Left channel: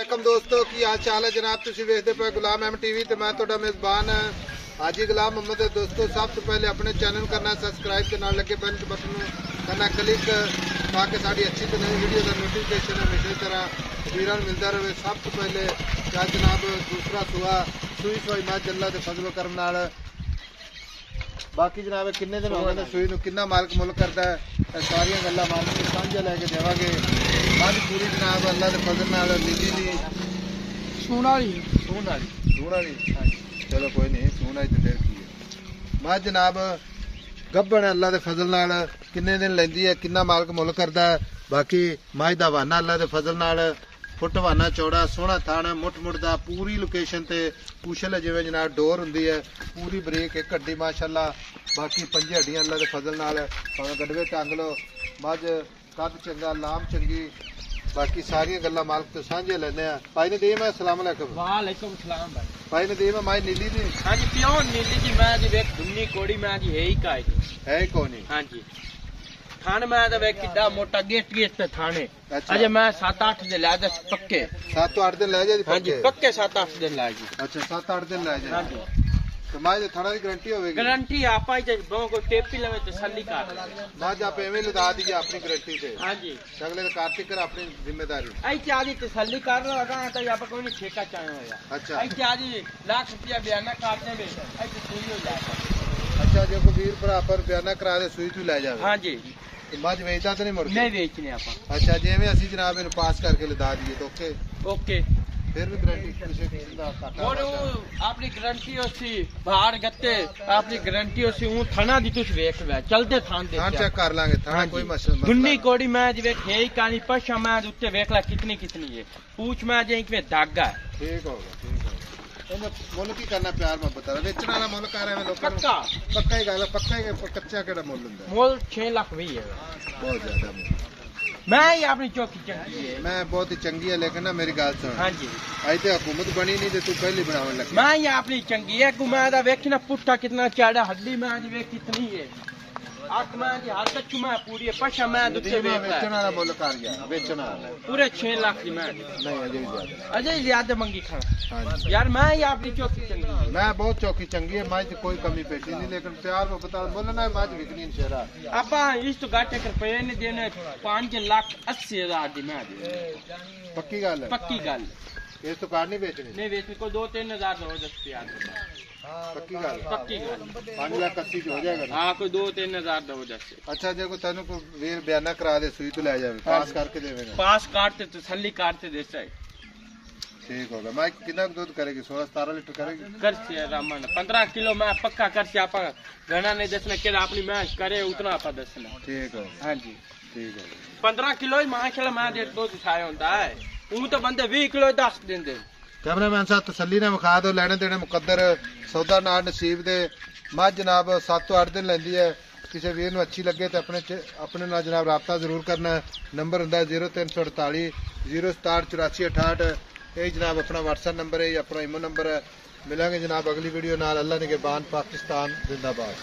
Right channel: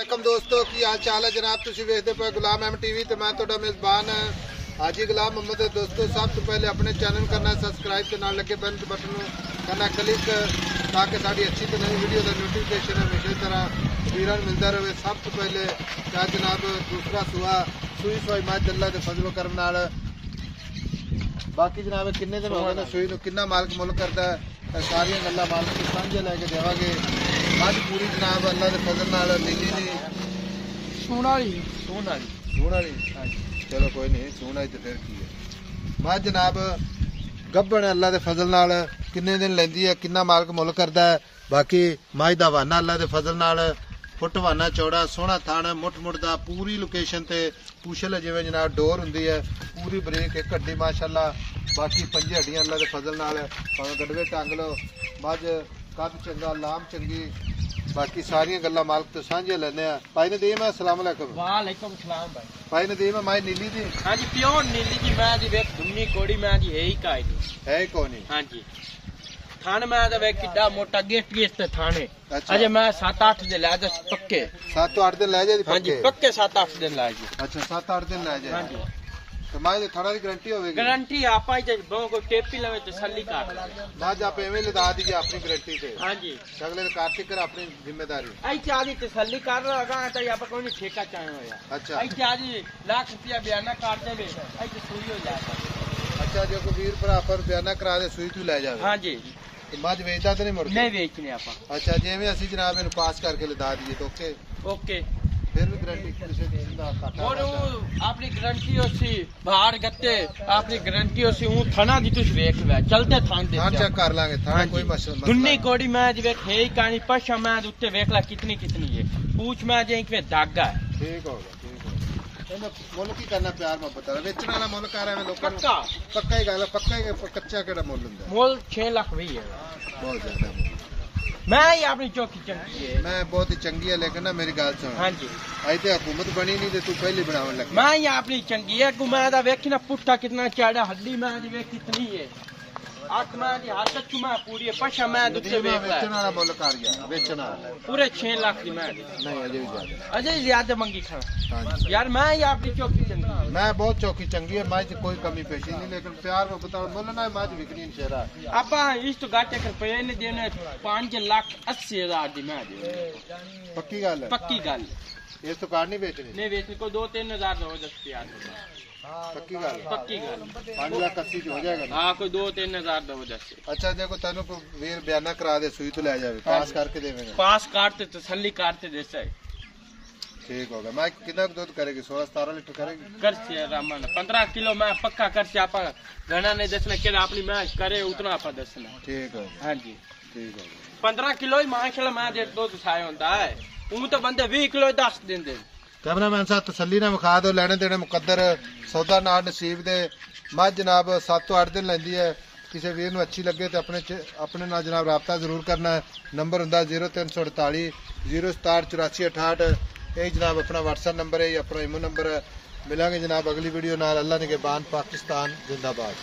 वालेकुम दोस्तों की हाल चाल है जनाब। तुसीं वेखदे पे गुलाम एम टीवी ते मैं तुहाडा मेजबान हाजी गुलाम मोहम्मद। दोस्तों सब तो पहले अपने चैनल करना सब्सक्राइब ते नाल लगे बेल बटन करना क्लिक ताकि साड़ी अच्छी तो नई वीडियो का नोटिफिकेशन हमेशा तरह तकरीरन मिलता रहे। सब तो पहले क्या जनाब दूसरा सुआ सूई सोई मज अल्लाह के फजलो करम नाल बाकी जनाब किन्ने दिन हो गए सूई किन्ना मालक मुल करता है सारिया गल्लां मालक की सांझे लैके देवांगे। मज पूरी जनाब अल्लाह के फजल नाल नीली दी सूण वाली चलो कोई नहीं सूण आई तो फिर की मज जनाब गब्बन अल्लाह के फजल नाल किन्ने दिन लैंदी है किन्ना मालक मुल करता है। बाकी मज दा वाना अल्लाह के फजल नाल फुट वाना चौड़ा सोहना थान मुठ मुठदा पूरी लोकेशन ते पूछल जिवें जनाब डोर हुंदी है पूरी ब्रेक एक हड्डी माशाअल्लाह। बाकी पंजे हड्डियां अल्लाह के फजल नाल भावें गड़वे टंग लो मज कद चंगा लाम चंगी। बाकी सारियां गल्लां मालक तो सांझे लैने आ। भाई नदीम है अस्सलाम वालेकुम। वालेकुम सलाम भाई। भाई नदीम है माई नीली दी हाँ जी प्योर नीली दी मैं जी वेख दुन्नी कोड़ी मैं जी है ही काई है कौन हाँ जी थाने मैं तो वेख किड्डा मोटा गेट ते थाने अच्छा। अजे मैं 7-8 दिन ला दे पक्के 7-8 दिन लै जाए हाँ जी पक्के 7-8 दिन ला जी। अच्छा 7-8 दिन लै हाँ जाए जी तो माई थाना की गारंटी होगी गारंटी आपा ही बहु को टेपी लवे तसल्ली कर माज आप एवं लदा दीजिए अपनी गारंटी से हाँ जी अगले कार्तिक कर अपनी जिम्मेदारी आई चादी तसल्ली कर लगा तो आप कोई नहीं ठेका चाहे होया अच्छा आई चादी लाख रुपया बयाना कर देवे आई तो सुई हो जाए। अच्छा जो को वीर भरा पर बयाना करा दे सूई तू लै जाए हाँ जी तो मज वेचदा तो नहीं मुड़ नहीं बेचने आप अच्छा जिवें असीं जनाब इन पास करके लदा दीजिए तो ओके ओके फिर भी गारंटी किसी किस्म का घाटा और अपनी गारंटी होसी बाहर गत्ते अपनी गारंटी होसी ऊ थाना दी तुस वेख ले चलते थान दे हाँ चेक कर लांगे थाना कोई मसला दुन्नी कोड़ी मैं जी वेख है कहानी पशा मैं उत्ते वेख ला कितनी कितनी है पूछ मैं जे इनके दागा ठीक होगा मुल की करना प्यार मोहब्बत वेचने वाला मुल कर रहे हैं लोगों पक्का पक्का ही गल पक्का ही कच्चा केड़ा मुल हुंदा मोल 6 लाख भी है बहुत ज्यादा मुल मैं ही अपनी चौकी चंगी है मैं बहुत ही चंगी है लेकिन ना मेरी गल सुन हाँ जी अज तो हुकूमत बनी नहीं तो तू पहली बनावन लग मैं ही अपनी चंगी है गुमा वेख ना पुट्ठा कितना चाड़ा हड्डी मैं जी वेख कितनी है आख मैं जी हाथ तक मैं पूरी है पशा मैं दुखे वेख ला वेचने वाला मुल कर गया वेचना पूरे 6 लाख की मैं नहीं अजय ज्यादा मंगी खड़ा हाँ यार मैं ही अपनी चौकी चंगी है मैं बहुत चौकी चंगी है मज कोई कमी पेशी नहीं लेकिन प्यार मोहब्बत मुल ना मज बिकनी शेरा आपा इस तो घाटे कर पे ने देने 5,80,000 दी मैं पक्की गल है पक्की गल इस तो कार नहीं बेचनी नहीं बेचने को 2-3 हजार हो 10 यार पक्की गल पक्की गल 5,80,000 हो जाएगा ना? हाँ कोई 2-3 हजार दो 10 अच्छा देखो तेन को वीर बयाना करा दे सूई तो ले जाए पास करके देवेगा पास काटते तसल्ली काटते देसा ठीक होगा मैं कितना दूध करेगी 16-17 लीटर करेगी कर से रामन 15 किलो मैं पक्का कर से आपा घना नहीं दसना के अपनी मैच करे उतना आपा दसना ठीक होगा हाँ जी ठीक होगा 15 किलो ही माशाल्लाह मैं डेढ़ दो दिखाया होता है ऊ तो बंदे 20 किलो 10 दिन दे कैमरामैन साहब तसल्ली ने विखा दो लेने देने मुकद्दर सौदा नाल नसीब दे मज जनाब 7-8 दिन लेंदी है। किसी वीर नूं अच्छी लगे तो अपने नाल जनाब राबता जरूर करना नंबर हुंदा 0348 067 84 68 जनाब अपना व्हाट्सएप नंबर है अपना इमो नंबर है। मिलांगे जनाब अगली वीडियो नाल अल्लाह ने के बान पाकिस्तान जिंदाबाद।